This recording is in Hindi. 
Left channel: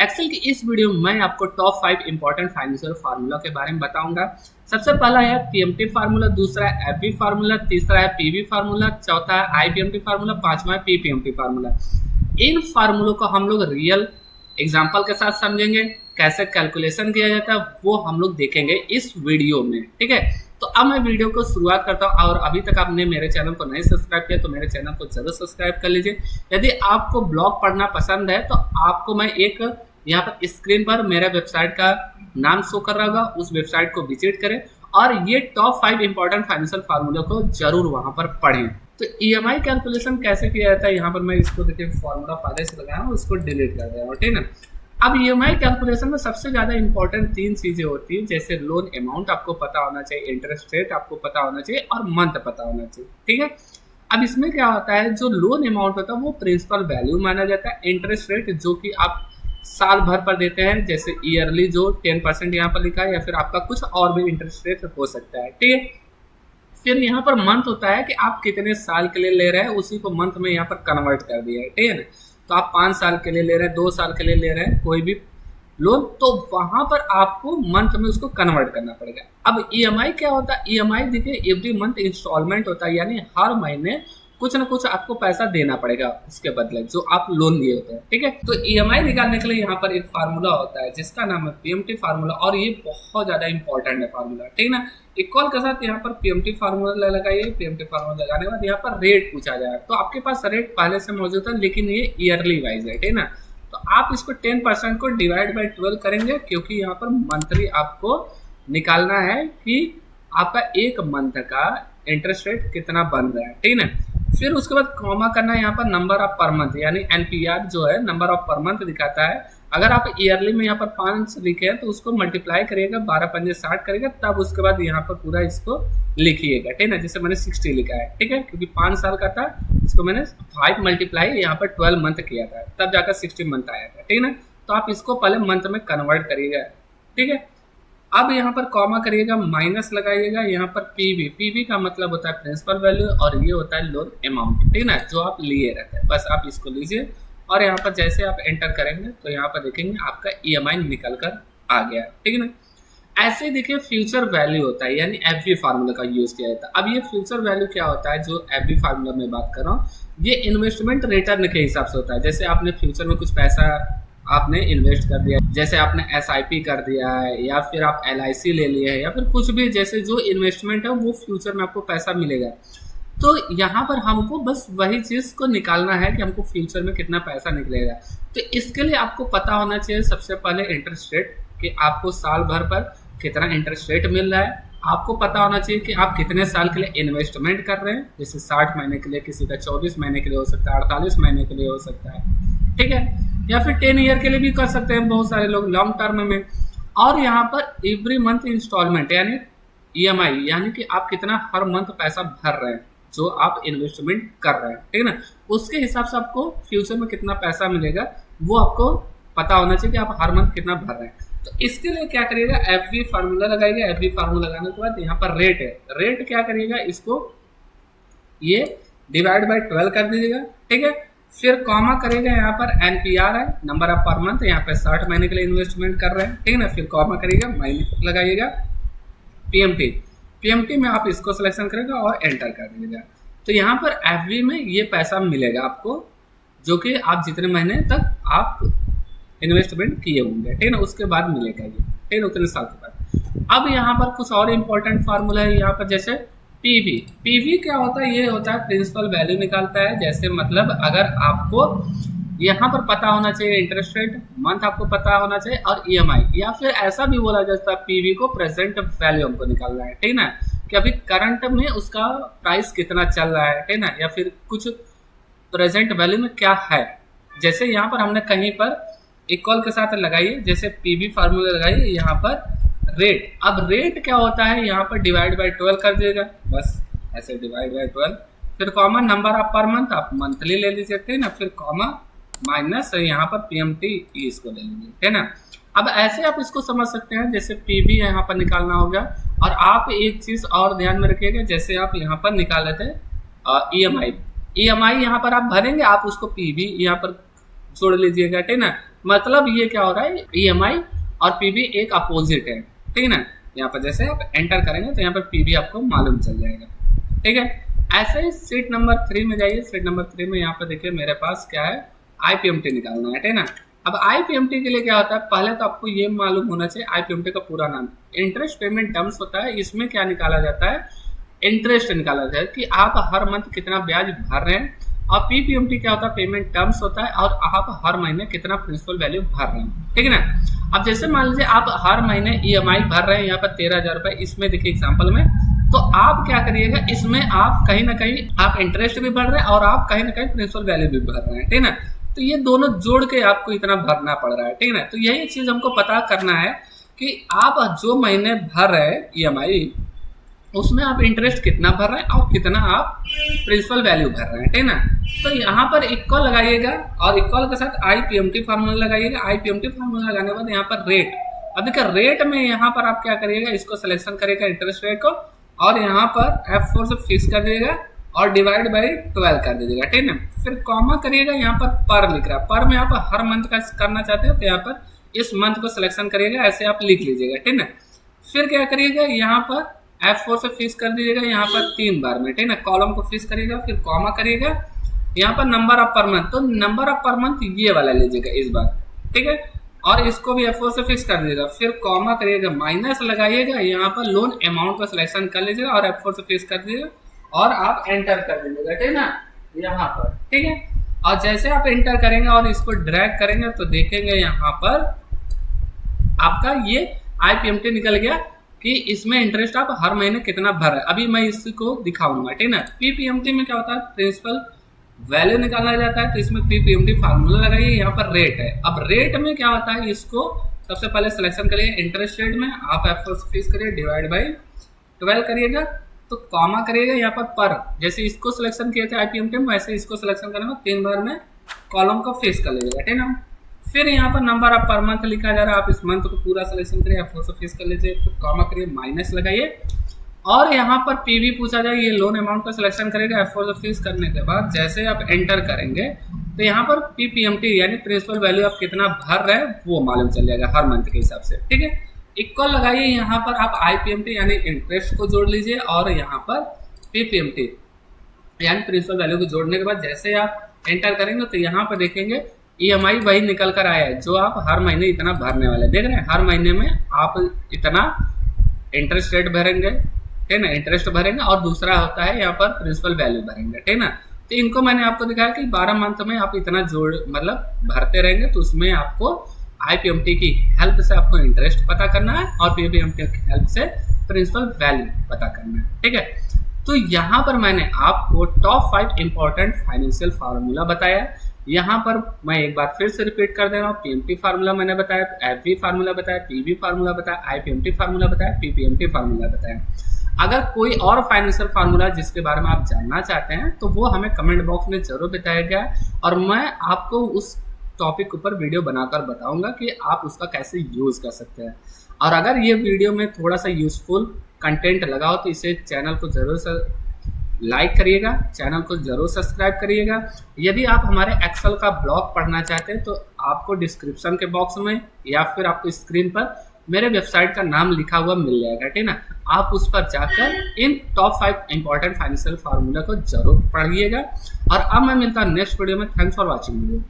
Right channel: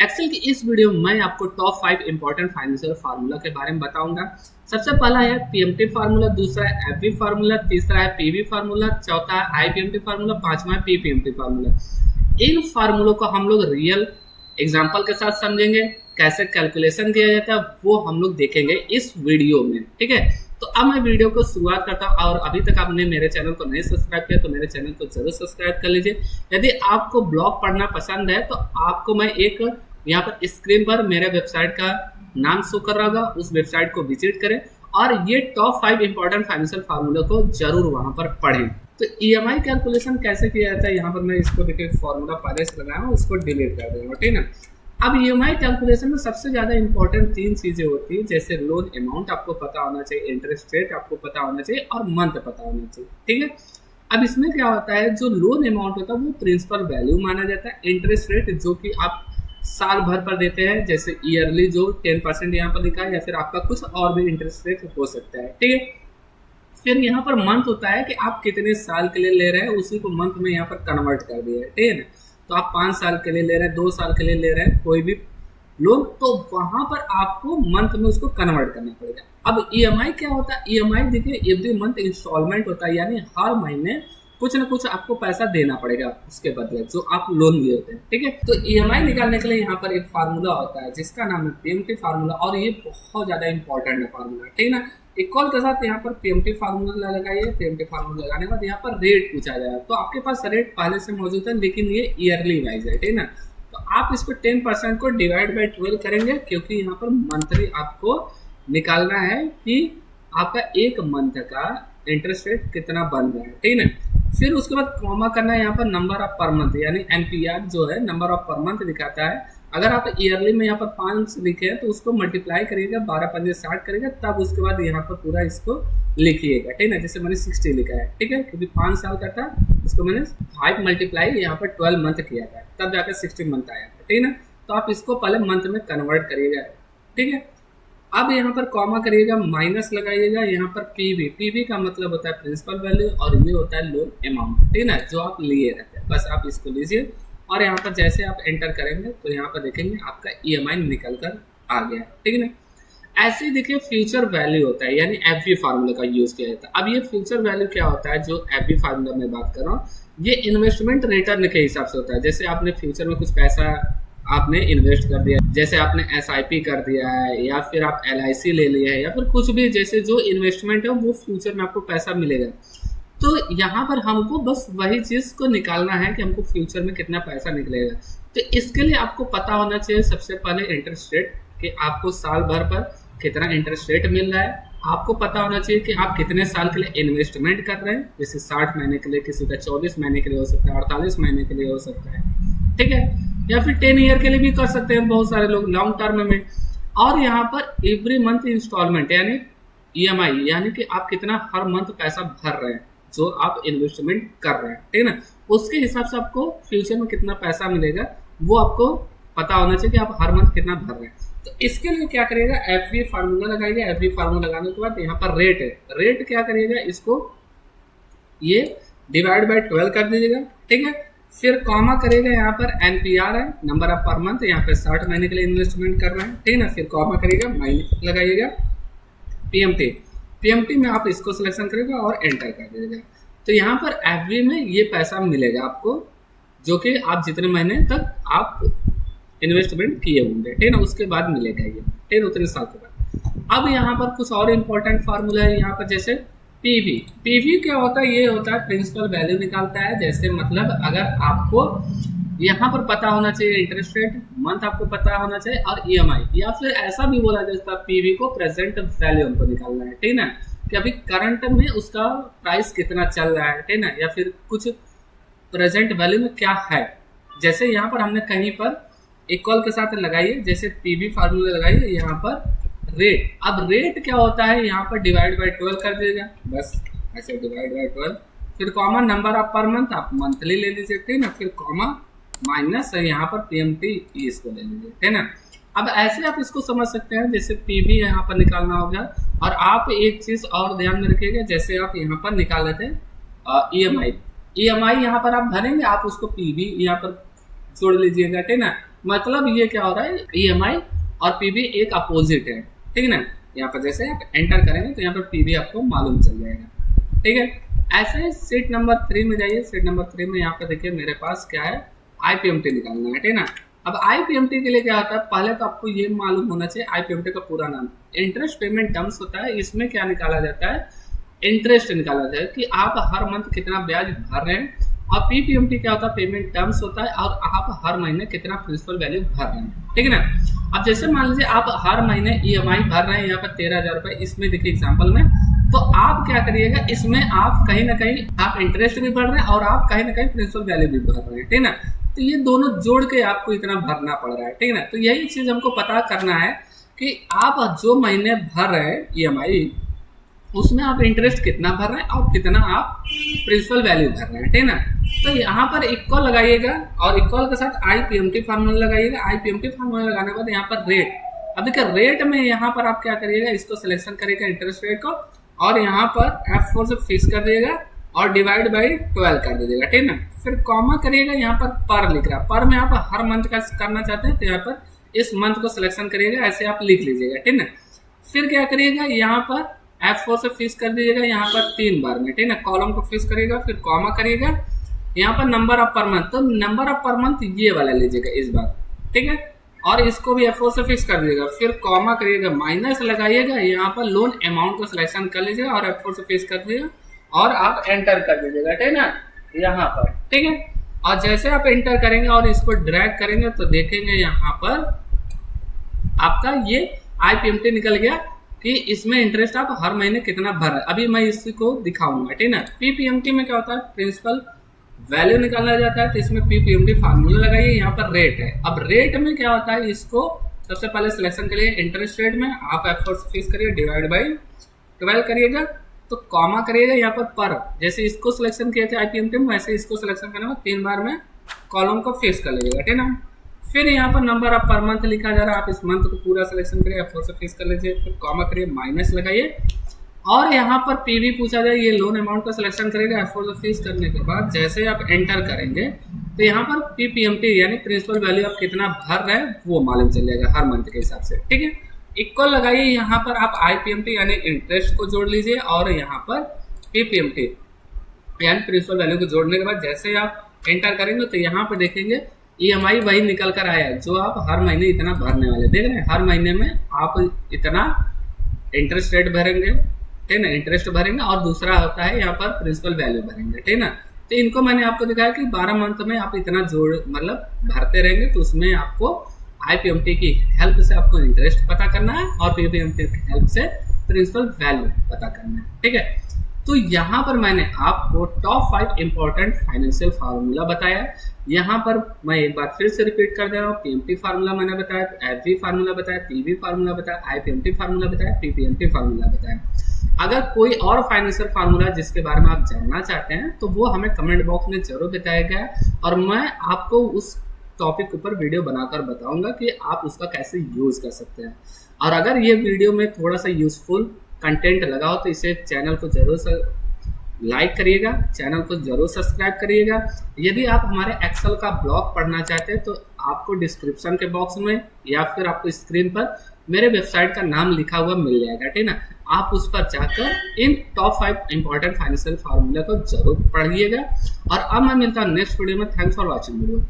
एक्सेल की इस वीडियो में मैं आपको टॉप 5 इंपॉर्टेंट फाइनेंशियल फार्मूला के बारे में बताऊंगा। सबसे पहला है पीएमटी फार्मूला, दूसरा है एफवी फार्मूला, तीसरा है पीवी फार्मूला, चौथा है आईपीएमटी फार्मूला, पांचवा है पीपीएमटी फार्मूला। इन फार्मूलों को हम लोग रियल एग्जाम्पल के साथ समझेंगे, कैसे कैलकुलेशन किया जाता है वो हम लोग देखेंगे इस वीडियो में। ठीक है, तो अब मैं वीडियो को शुरुआत करता हूँ। और अभी तक आपने मेरे चैनल को नहीं सब्सक्राइब किया तो मेरे चैनल को जरूर सब्सक्राइब कर लीजिए। यदि आपको ब्लॉग पढ़ना पसंद है तो आपको मैं एक यहाँ पर स्क्रीन पर मेरे वेबसाइट का नाम शो कर रहा होगा, उस वेबसाइट को विजिट करें और ये टॉप 5 इंपॉर्टेंट फाइनेंशियल फार्मूला को जरूर वहां पर पढ़ें। तो ईएमआई कैलकुलेशन कैसे किया जाता है, यहाँ पर मैं इसको देखिए फॉर्मूला पहले से लगाया हूँ, उसको डिलीट कर दे रहा हूँ। ठीक है, अब ईएमआई कैलकुलेशन में सबसे ज्यादा इंपॉर्टेंट 3 चीजें होती है, जैसे लोन अमाउंट आपको पता होना चाहिए, इंटरेस्ट रेट आपको पता होना चाहिए और मंथ पता होना चाहिए। ठीक है, अब इसमें क्या होता है, जो लोन अमाउंट होता है वो प्रिंसिपल वैल्यू माना जाता है। इंटरेस्ट रेट जो कि आप साल भर पर देते हैं, जैसे ईयरली जो 10% यहाँ पर लिखा है, या फिर आपका कुछ और भी इंटरेस्ट रेट हो सकता है। ठीक है, फिर यहाँ पर मंथ होता है कि आप कितने साल के लिए ले रहे हैं, उसी को मंथ में यहाँ पर कन्वर्ट कर दिया है। ठीक है ना, तो आप 5 साल के लिए ले रहे हैं, 2 साल के लिए ले रहे हैं कोई भी लोन, तो वहां पर आपको मंथ में उसको कन्वर्ट करना पड़ेगा। अब ईएमआई क्या होता है, ईएमआई देखिए एवरी मंथ इंस्टॉलमेंट होता है, यानी हर महीने कुछ ना कुछ आपको पैसा देना पड़ेगा उसके बदले जो आप लोन लिए होते हैं। ठीक है, तो ईएमआई निकालने के लिए यहाँ पर एक फार्मूला होता है जिसका नाम है पीएमटी फार्मूला, और ये बहुत ज्यादा इंपॉर्टेंट है फार्मूला। ठीक है ना, इक्वल के साथ यहाँ पर पीएमटी फार्मूला लगाइए। पीएमटी फार्मूला लगाने के बाद यहाँ पर रेट पूछा जाएगा, तो आपके पास रेट पहले से मौजूद है लेकिन ये ईयरली वाइज है। ठीक है ना, तो आप इसको 10% को डिवाइड बाई 12 करेंगे, क्योंकि यहाँ पर मंथली आपको निकालना है कि आपका एक मंथ का इंटरेस्ट रेट कितना बन रहा है। ठीक है ना, फिर उसके बाद कॉमा करना है यहाँ पर नंबर ऑफ पर मंथ, यानी एनपीआर जो है नंबर ऑफ पर मंथ दिखाता है। अगर आप ईयरली में यहाँ पर 5 लिखे हैं तो उसको मल्टीप्लाई करिएगा, 12 पंजे 60 करेगा, तब उसके बाद यहाँ पर पूरा इसको लिखिएगा। ठीक है ना, जैसे मैंने 60 लिखा है। ठीक है, क्योंकि 5 साल का था, इसको मैंने 5 मल्टीप्लाई यहाँ पर 12 मंथ किया था, तब जाकर 60 मंथ आया था। ठीक है ना, तो आप इसको पहले मंथ में कन्वर्ट करिएगा। ठीक है, अब यहाँ पर कॉमा करिएगा, माइनस लगाइएगा, यहाँ पर पीवी, पीवी का मतलब होता है प्रिंसिपल वैल्यू और ये होता है लोन अमाउंट। ठीक है ना, जो आप लिए रहते हैं, बस आप इसको लीजिए और यहाँ पर जैसे आप एंटर करेंगे तो यहाँ पर देखेंगे आपका ईएमआई निकल कर आ गया। ठीक है ना, ऐसे ही देखिए फ्यूचर वैल्यू होता है, यानी एफवी फार्मूला का यूज किया जाता है। अब ये फ्यूचर वैल्यू क्या होता है, जो एफवी फार्मूला में बात कर रहा हूँ, ये इन्वेस्टमेंट रिटर्न के हिसाब से होता है। जैसे आपने फ्यूचर में कुछ पैसा आपने इन्वेस्ट कर दिया, जैसे आपने एसआईपी कर दिया है, या फिर आप एलआईसी ले लिया है, या फिर कुछ भी, जैसे जो इन्वेस्टमेंट है वो फ्यूचर में आपको पैसा मिलेगा। तो यहाँ पर हमको बस वही चीज को निकालना है कि हमको फ्यूचर में कितना पैसा निकलेगा। तो इसके लिए आपको पता होना चाहिए सबसे पहले इंटरेस्ट रेट, कि आपको साल भर पर कितना इंटरेस्ट रेट मिल रहा है। आपको पता होना चाहिए कि आप कितने साल के लिए इन्वेस्टमेंट कर रहे हैं, जैसे 60 महीने के लिए, किसी का 24 महीने के लिए हो सकता है, 48 महीने के लिए हो सकता है। ठीक है, या फिर 10 ईयर के लिए भी कर सकते हैं बहुत सारे लोग, लॉन्ग टर्म में। और यहाँ पर एवरी मंथ इंस्टॉलमेंट, यानी ईएमआई, यानी कि आप कितना हर मंथ पैसा भर रहे हैं जो आप इन्वेस्टमेंट कर रहे हैं। ठीक है ना, उसके हिसाब से आपको फ्यूचर में कितना पैसा मिलेगा वो आपको पता होना चाहिए कि आप हर मंथ कितना भर रहे हैं। तो इसके लिए क्या करिएगा, एफवी फार्मूला लगाइएगा। एफवी फार्मूला लगाने के बाद यहाँ पर रेट है, रेट क्या करिएगा, इसको ये डिवाइड बाय 12 कर दीजिएगा। ठीक है, फिर कॉमा करेगा, यहाँ पर एनपीआर है, नंबर ऑफ पर मंथ, यहाँ पे 60 महीने के लिए इन्वेस्टमेंट कर रहे हैं। ठीक है ना, फिर कॉमा करिएगा, माइनस लगाइएगा, पीएमटी, पीएमटी में आप इसको सिलेक्शन करेगा और एंटर कर दीजिएगा। तो यहाँ पर एफवी में ये पैसा मिलेगा आपको, जो कि आप जितने महीने तक आप इन्वेस्टमेंट किए होंगे। ठीक है ना, उसके बाद मिलेगा ये। ठीक है, उतने साल के बाद। अब यहाँ पर कुछ और इम्पोर्टेंट फार्मूला है यहाँ पर, जैसे पीवी। पीवी क्या होता है, ये होता है प्रिंसिपल वैल्यू निकालता है। जैसे मतलब अगर आपको यहाँ पर पता होना चाहिए इंटरेस्ट रेट, मंथ आपको पता होना चाहिए, और ईएमआई, या फिर ऐसा भी बोला जाता है पीवी को प्रेजेंट वैल्यू हमको निकालना है। ठीक है ना, कि अभी करंट में उसका प्राइस कितना चल रहा है। ठीक है ना, या फिर कुछ प्रेजेंट वैल्यू में क्या है। जैसे यहाँ पर हमने कहीं पर इक्वल के साथ लगाइए, जैसे पीवी फार्मूला लगाइए, यहाँ पर रेट। अब रेट क्या होता है, यहाँ पर डिवाइड बाय 12 कर दीजिएगा, बस ऐसे डिवाइड बाय 12, फिर comma number of per month, आप मंथली ले लीजिए। ठीक है ना, फिर कॉमा माइनस यहाँ पर पीएमटी इसको ले लीजिए। है ना, अब ऐसे आप इसको समझ सकते हैं, जैसे पीवी यहाँ पर निकालना होगा। और आप एक चीज और ध्यान में रखिएगा, जैसे आप यहाँ पर निकाल लेते हैं ईएमआई, ईएमआई यहाँ पर आप भरेंगे, आप उसको पीवी यहाँ पर जोड़ लीजिएगा। ठीक है ना, मतलब ये क्या हो रहा है, ईएमआई और पीवी एक अपोजिट है, ठीक है ना। यहाँ पर जैसे आप एंटर करेंगे तो यहाँ पर पीवी आपको मालूम चल जाएगा, ठीक है। ऐसे सीट नंबर 3 में जाइए। सीट नंबर 3 में यहाँ पर देखिए मेरे पास क्या है, आईपीएमटी निकालना है, ठीक है ना। अब आईपीएमटी के लिए क्या होता है, पहले तो आपको ये मालूम होना चाहिए आईपीएमटी का पूरा नाम इंटरेस्ट पेमेंट टर्म्स होता है। इसमें क्या निकाला जाता है, इंटरेस्ट निकाला जाता है कि आप हर मंथ कितना ब्याज भर रहे हैं। और पीपीएमटी क्या होता है, पेमेंट टर्म्स होता है और आप हर महीने कितना प्रिंसिपल वैल्यू भर रहे हैं, ठीक है ना। अब जैसे मान लीजिए आप हर महीने ईएमआई भर रहे हैं यहाँ पर 13,000 रुपए, इसमें देखिए एग्जाम्पल में, तो आप क्या करिएगा, इसमें आप कहीं ना कहीं आप इंटरेस्ट भी भर रहे हैं और आप कहीं ना कहीं प्रिंसिपल वैल्यू भी भर रहे हैं, ठीक है ना। तो ये दोनों जोड़ के आपको इतना भरना पड़ रहा है, ठीक है ना। तो यही चीज हमको पता करना है कि आप जो महीने भर रहे हैं ईएमआई, उसमें आप इंटरेस्ट कितना भर रहे हैं और कितना आप प्रिंसिपल वैल्यू भर रहे हैं, ठीक है ना। तो यहाँ पर इक्वल लगाइएगा और इक्वल के साथ आईपीएमटी फार्मूला लगाइएगा। आईपीएमटी फार्मूला लगाने के बाद यहाँ पर रेट, अब देखिए रेट में यहाँ पर आप क्या करिएगा, इसको सिलेक्शन करिएगा इंटरेस्ट रेट को, और यहाँ पर F4 से फिक्स कर दीजिएगा और डिवाइड बाई 12 कर दीजिएगा, ठीक है ना। फिर कॉमा करिएगा, यहाँ पर लिख रहा है, पर में आप हर मंथ का करना चाहते हैं तो यहाँ पर इस मंथ को सिलेक्शन करिएगा, ऐसे आप लिख लीजिएगा, ठीक है ना। फिर क्या करिएगा, यहाँ पर F4 से फिक्स कर दीजिएगा यहाँ पर 3 बार में, ठीक है ना। कॉलम को फिक्स करिएगा, फिर कॉमा करिएगा, यहाँ पर नंबर ऑफ पर मंथ, तो नंबर ऑफ पर मंथ ये वाला लीजिएगा इस बार, ठीक है। और इसको भी F4 से फिक्स कर दीजिएगा, फिर कॉमा करिएगा, माइनस लगाइएगा, यहाँ पर लोन अमाउंट को सिलेक्शन कर लीजिएगा और F4 से फिक्स कर दीजिएगा और आप एंटर कर दीजिएगा, ठीक है ना, यहाँ पर, ठीक है। और जैसे आप एंटर करेंगे और इसको ड्रैग करेंगे तो देखेंगे यहाँ पर आपका ये आईपीएमटी निकल गया कि इसमें इंटरेस्ट आप हर महीने कितना भर रहे हैं। अभी मैं इसको दिखाऊंगा, ठीक है ना। पीपीएमटी में क्या होता है, प्रिंसिपल वैल्यू निकाला जाता है, तो इसमें पीपीएमटी फार्मूला लगाइए, यहाँ पर रेट है। अब रेट में क्या होता है, इसको सबसे पहले सिलेक्शन करिए इंटरेस्ट रेट में, आप F4 से फिक्स करिए, डिवाइड बाई 12 करिएगा, तो कॉमा करिएगा, यहाँ पर जैसे इसको सिलेक्शन किए थे आईपीएमटी में, वैसे इसको सिलेक्शन करने में 3 बार में कॉलम को फिक्स कर लीजिएगा, ठीक है ना। फिर यहाँ पर नंबर ऑफ पर मंथ लिखा जा रहा है, आप इस मंथ को पूरा सिलेक्शन करिए, F4 से फिक्स कर लीजिए, फिर कॉमा करिए, माइनस लगाइए, और यहाँ पर पीवी पूछा जाए, ये लोन अमाउंट का सिलेक्शन करेगा। F4 से फिक्स करने के बाद जैसे आप एंटर करेंगे तो यहाँ पर पीपीएमटी यानी प्रिंसिपल वैल्यू आप कितना भर रहे हैं वो मालूम चल जाएगा हर मंथ के हिसाब से, ठीक है। इक्वल लगाइए, यहाँ पर आप आईपीएमटी यानी इंटरेस्ट को जोड़ लीजिए और यहाँ पर पीपीएमटी यानी प्रिंसिपल वैल्यू को जोड़ने के बाद जैसे आप एंटर करेंगे तो यहाँ पर देखेंगे ईएमआई वही निकल कर आया है जो आप हर महीने इतना भरने वाले, देख रहे हैं, हर महीने में आप इतना इंटरेस्ट रेट भरेंगे, ठीक है ना, इंटरेस्ट भरेंगे, और दूसरा होता है यहाँ पर प्रिंसिपल वैल्यू भरेंगे, ठीक है ना। तो इनको मैंने आपको दिखाया कि 12 मंथ में आप इतना जोड़ मतलब भरते रहेंगे, तो उसमें आपको आईपीएमटी की हेल्प से आपको इंटरेस्ट पता करना है और पीपीएमटी की हेल्प से प्रिंसिपल वैल्यू पता करना है, ठीक है। तो यहाँ पर मैंने आपको टॉप 5 इंपॉर्टेंट फाइनेंशियल फार्मूला बताया। यहाँ पर मैं एक बार फिर से रिपीट कर दे रहा हूँ, पीएमटी फार्मूला मैंने बताया, एफवी फार्मूला बताया, पीवी फार्मूला बताया, आईपीएमटी फार्मूला बताया, पीपीएमटी फार्मूला बताया। अगर कोई और फाइनेंशियल फार्मूला जिसके बारे में आप जानना चाहते हैं तो वो हमें कमेंट बॉक्स में जरूर बताया गया और मैं आपको उस टॉपिक ऊपर वीडियो बनाकर बताऊंगा कि आप उसका कैसे यूज कर सकते हैं। और अगर ये वीडियो में थोड़ा सा यूजफुल कंटेंट लगा हो तो इसे चैनल को जरूर लाइक करिएगा, चैनल को जरूर सब्सक्राइब करिएगा। यदि आप हमारे एक्सेल का ब्लॉग पढ़ना चाहते हैं तो आपको डिस्क्रिप्शन के बॉक्स में या फिर आपको स्क्रीन पर मेरे वेबसाइट का नाम लिखा हुआ मिल जाएगा, ठीक है ना। आप उस पर जाकर इन टॉप 5 इंपॉर्टेंट फाइनेंशियल फार्मूला को जरूर पढ़िएगा। और अब मैं मिलता हूँ नेक्स्ट वीडियो में। Thanks for watching video.